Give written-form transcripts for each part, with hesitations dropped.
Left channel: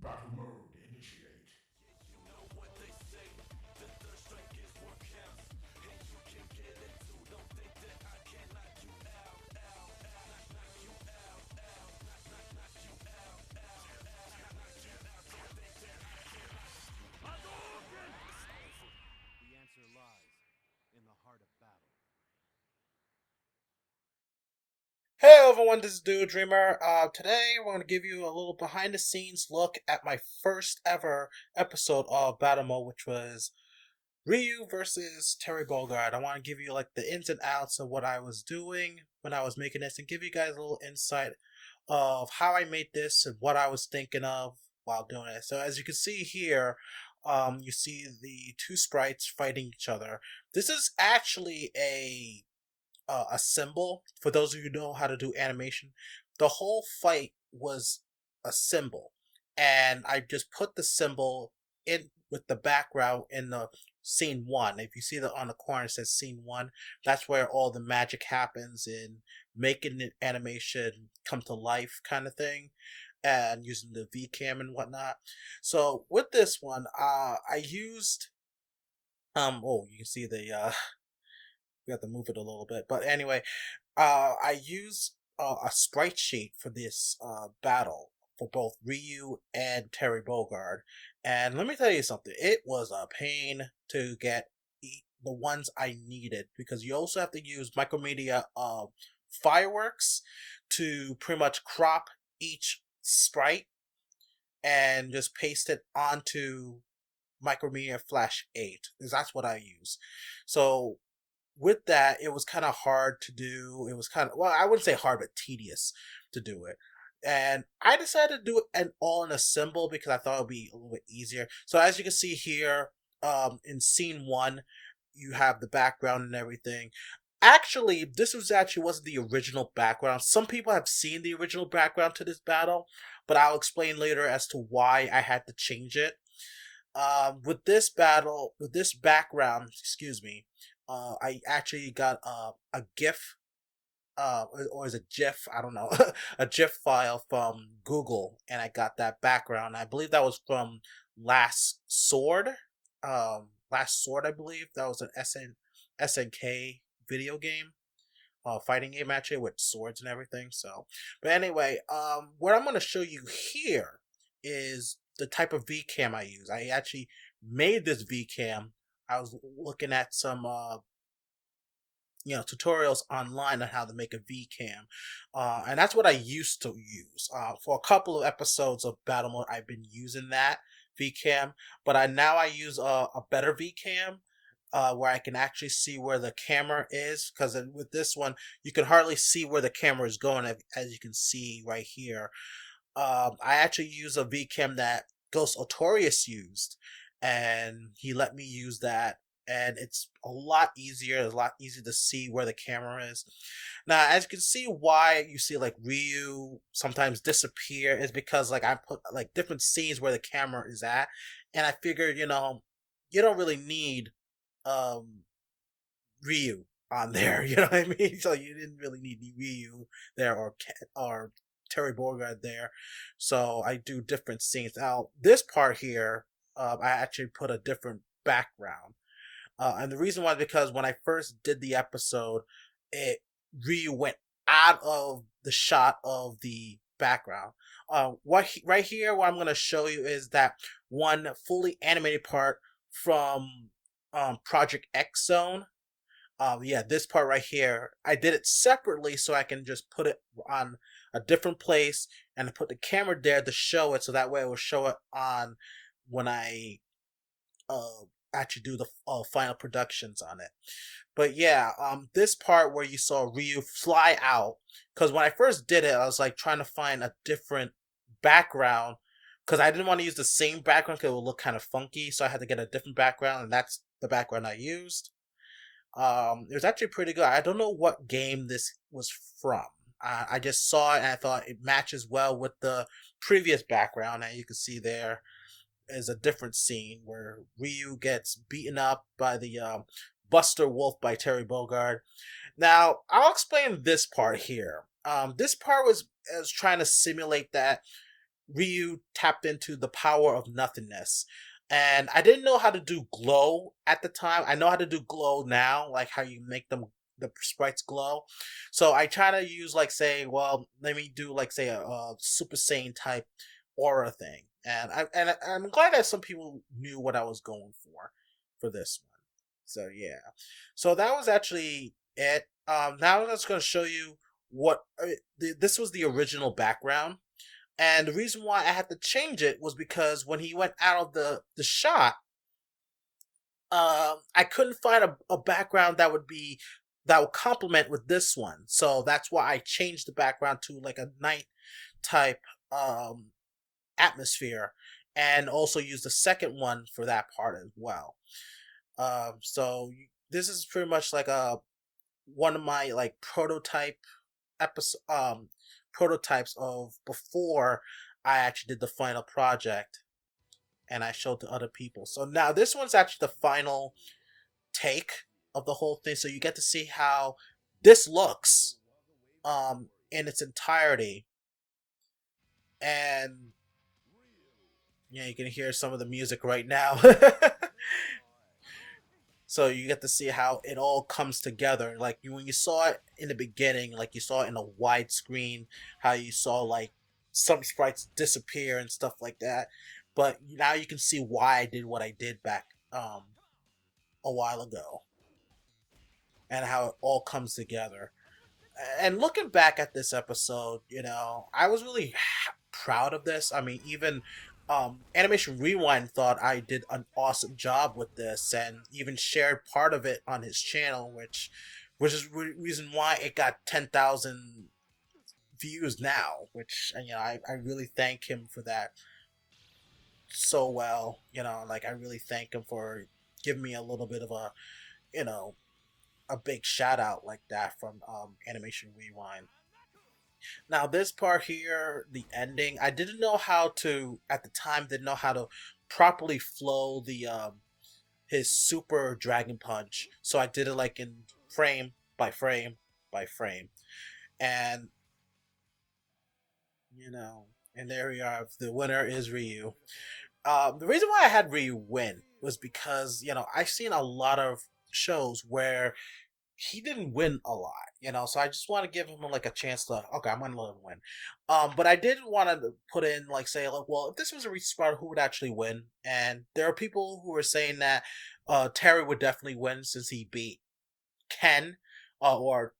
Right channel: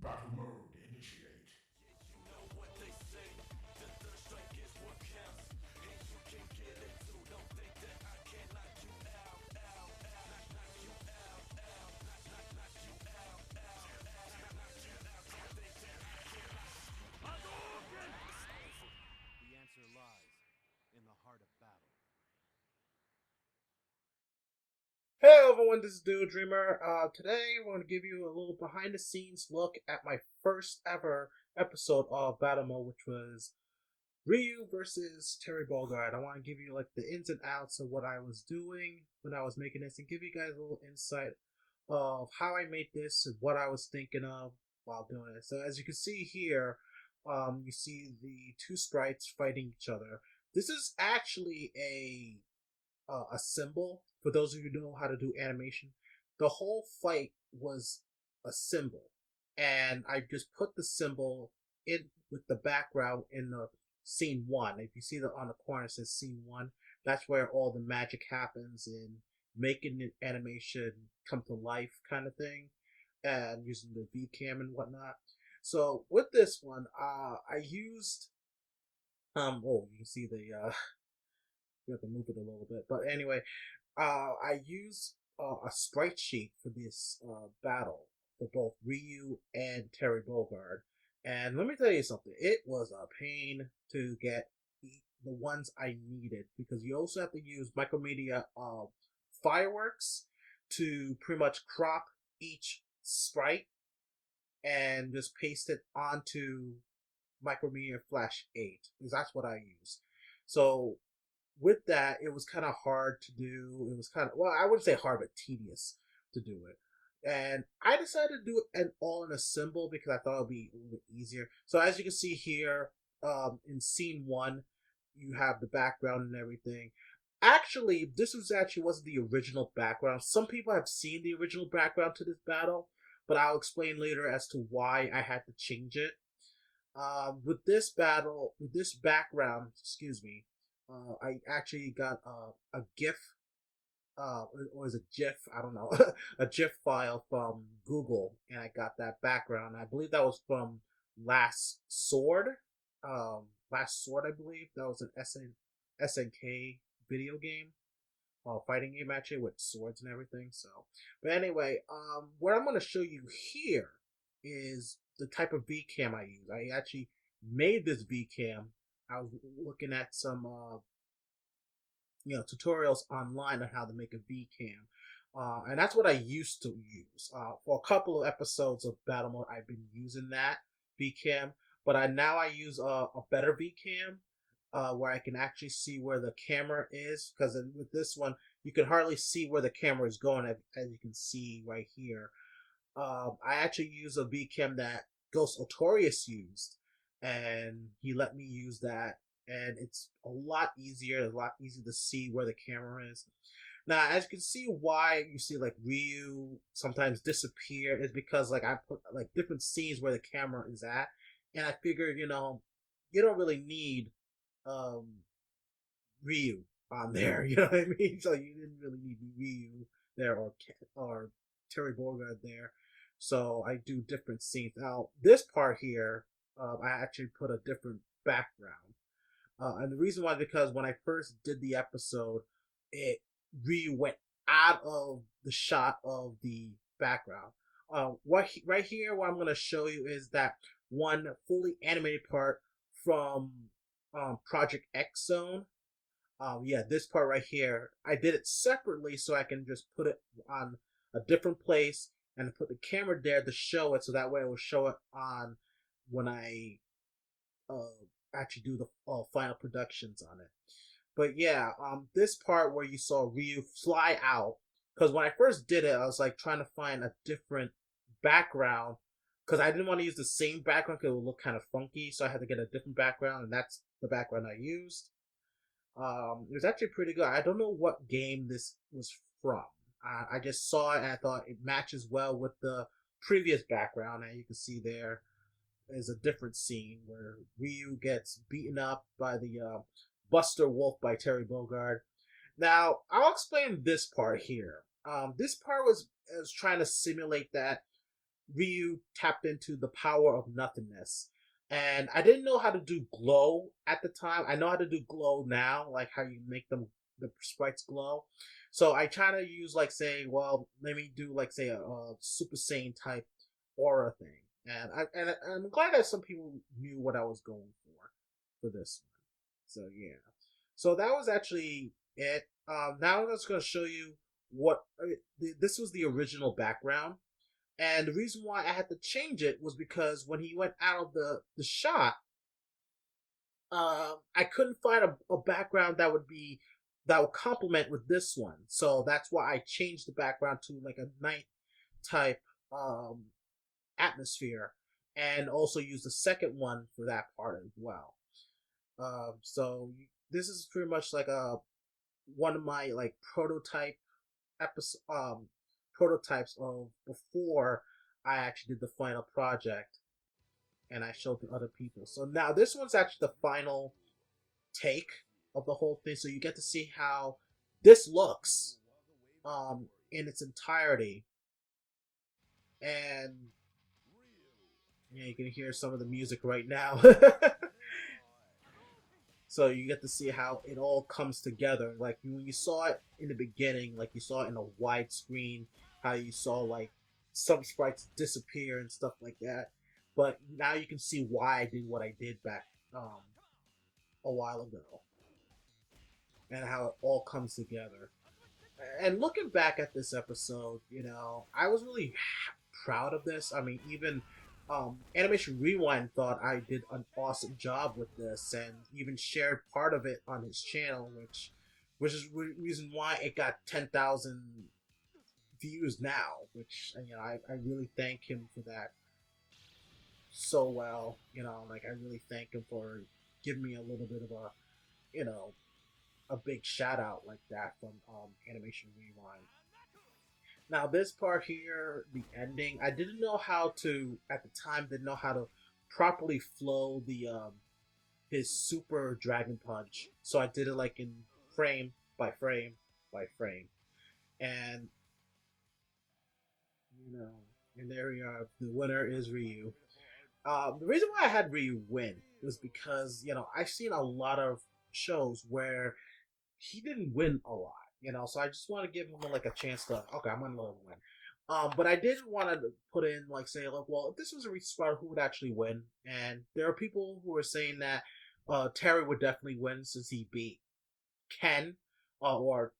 Battle mode initiate. The answer lies in the heart of battle. Hey everyone, this is Dude Dreamer. Today we're going to give you a little behind the scenes look at my first ever episode of Battle Mode, which was RYU versus Terry Bogard. I want to give you like the ins and outs of what I was doing when I was making this and give you guys a little insight of how I made this and what I was thinking of while doing it. So as you can see here, you see the two sprites fighting each other. This is actually a symbol. For those of you who know how to do animation, the whole fight was a symbol, and I just put the symbol in with the background in the scene one. If you see that on the corner it says scene one, that's where all the magic happens in making the animation come to life, kind of thing, and using the V cam and whatnot. So with this one, I used oh, you can see the we have to move it a little bit. But anyway, I use a sprite sheet for this battle for both RYU and Terry Bogard. And let me tell you something, it was a pain to get the ones I needed because you also have to use Micromedia fireworks to pretty much crop each sprite and just paste it onto Micromedia Flash 8 because that's what I use. So with that, it was kind of hard to do. It was kind of, well, I wouldn't say hard, but tedious to do it. And I decided to do it all in a symbol because I thought it would be a little bit easier. So as you can see here, in scene one, you have the background and everything. Actually, this was actually wasn't the original background. Some people have seen the original background to this battle, but I'll explain later as to why I had to change it. With this battle, with this background, excuse me, I actually got a GIF, or is it GIF? I don't know, a GIF file from Google, and I got that background. I believe that was from Last Sword. Last Sword, I believe that was an SNK video game, fighting game actually with swords and everything. So, but anyway, what I'm gonna show you here is the type of VCam I use. I actually made this VCam. I was looking at some tutorials online on how to make a VCam, and that's what I used to use for a couple of episodes of Battle Mode. I've been using that VCam, but I use a better VCam. Where I can actually see where the camera is, because with this one you can hardly see where the camera is going, as you can see right here. I actually use a VCam that Ghost Otorius used, and he let me use that, and it's a lot easier. It's a lot easier to see where the camera is. Now, as you can see, why you see like RYU sometimes disappear is because like I put like different scenes where the camera is at, and I figured you don't really need um RYU on there. You know what I mean? So you didn't really need RYU there or Terry Bogard there. So I do different scenes. Now this part here, I actually put a different background, and the reason why is because when I first did the episode, it RYU went out of the shot of the background. Right here, what I'm going to show you is that one fully animated part from Project X Zone. Yeah, this part right here, I did it separately so I can just put it on a different place and put the camera there to show it, so that way it will show it on when I uh actually do the final productions on it. But yeah, this part where you saw RYU fly out, because when I first did it, I was like trying to find a different background because I didn't want to use the same background because it would look kind of funky. So I had to get a different background, and that's the background I used. It was actually pretty good. I don't know what game this was from. I just saw it and I thought it matches well with the previous background, and you can see there is a different scene where RYU gets beaten up by the Buster Wolf by Terry Bogard. Now, I'll explain this part here. This part was trying to simulate that Ryu tapped into the power of nothingness. And I didn't know how to do glow at the time. I know how to do glow now, like how you make them the sprites glow. So I try to use like say, well, let me do like say a Super Saiyan type aura thing. I'm glad that some people knew what I was going for this one. So yeah. So that was actually it. Now I'm just going to show you what this was the original background, and the reason why I had to change it was because when he went out of the shot, I couldn't find a background that would complement with this one. So that's why I changed the background to like a night type atmosphere, and also used the second one for that part as well. So this is pretty much like a one of my like episode prototypes of before I actually did the final project and I showed to other people. So now this one's actually the final take of the whole thing. So you get to see how this looks in its entirety. And yeah, you can hear some of the music right now. So you get to see how it all comes together. Like when you saw it in the beginning, like you saw it in a widescreen, how you saw like some sprites disappear and stuff like that. But now you can see why I did what I did back a while ago, and how it all comes together. And looking back at this episode, I was really proud of this. I mean, even Animation Rewind thought I did an awesome job with this, and even shared part of it on his channel, which is reason why it got 10,000 views now. Which I really thank him for that so well. Like I really thank him for giving me a little bit of you know a big shout out like that from Animation Rewind. Now this part here, the ending, I didn't know how to at the time. Didn't know how to properly flow the his super dragon punch, so I did it like in frame by frame by frame, and and there we are. The winner is Ryu. The reason why I had Ryu win was because I've seen a lot of shows where he didn't win a lot, so I just want to give him like a chance to, okay, I'm gonna let him win. But I did want to put in like say like, well, if this was a restart, who would actually win? And there are people who are saying that Terry would definitely win since he beat Ken, or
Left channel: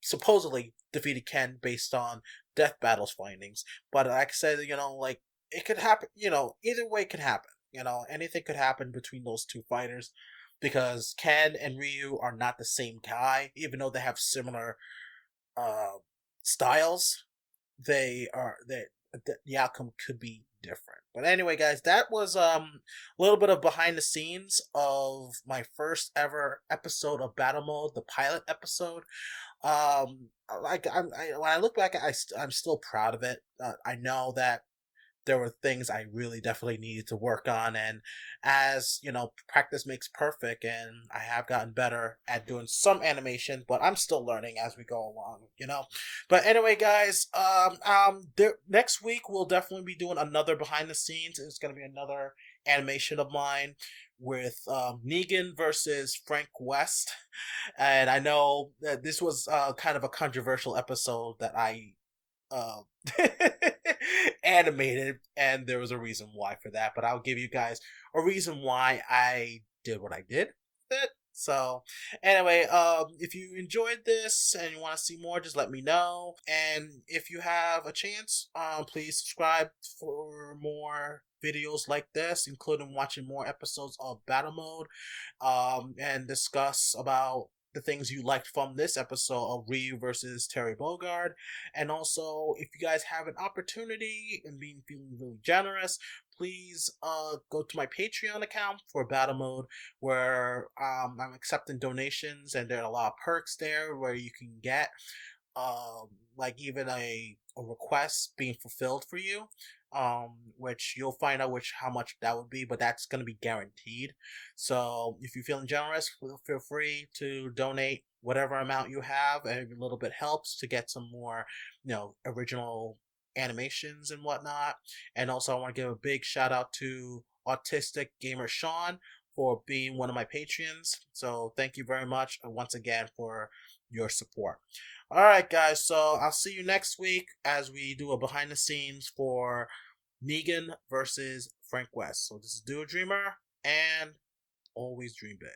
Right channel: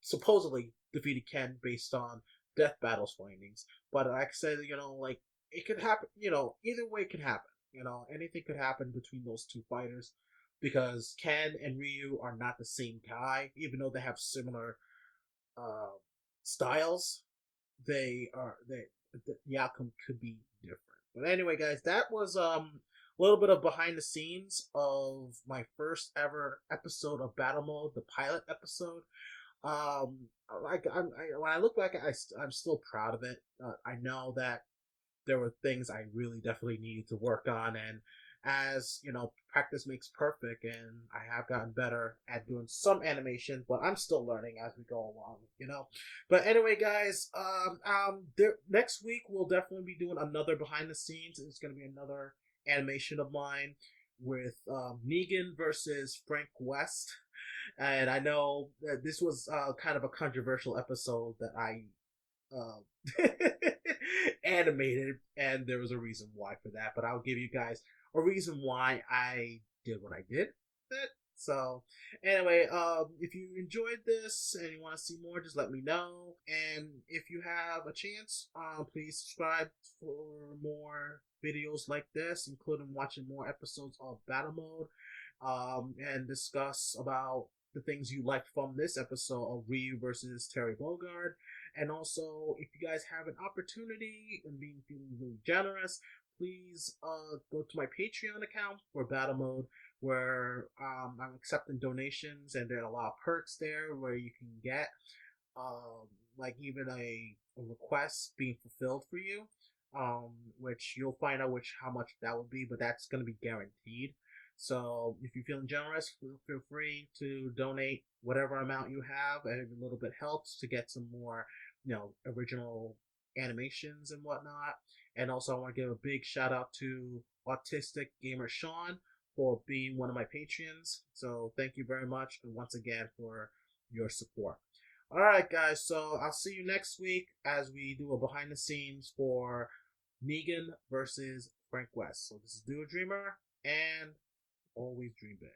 supposedly defeated Ken based on Death Battle's findings. But like I said, like it could happen. Either way could happen. Anything could happen between those two fighters, because Ken and Ryu are not the same guy, even though they have similar styles. The outcome could be different. But anyway, guys, that was a little bit of behind the scenes of my first ever episode of Battle Mode, the pilot episode. Like when I look back, I'm still proud of it. I know that there were things I really definitely needed to work on, and as practice makes perfect, and I have gotten better at doing some animation, but I'm still learning as we go along. But anyway, guys, next week we'll definitely be doing another behind the scenes. It's going to be another animation of mine with Negan versus Frank West. And I know that this was kind of a controversial episode that I uh, animated, and there was a reason why for that. But I'll give you guys a reason why I did what I did with it. So anyway, if you enjoyed this and you want to see more, just let me know. And if you have a chance, please subscribe for more videos like this, including watching more episodes of Battle Mode, and discuss about the things you liked from this episode of Ryu versus Terry Bogard. And also, if you guys have an opportunity and feeling really generous, please go to my Patreon account for Battle Mode, where I'm accepting donations, and there are a lot of perks there where you can get like even a request being fulfilled for you, which you'll find out how much that would be, but that's going to be guaranteed. So if you're feeling generous, feel free to donate whatever amount you have. Every little bit helps to get some more original animations and whatnot. And also I want to give a big shout out to AutisticGamerSean for being one of my Patreons. So thank you very much once again for your support. Alright guys, so I'll see you next week as we do a behind the scenes for Negan versus Frank West. So this is Do a Dreamer, and always dream big.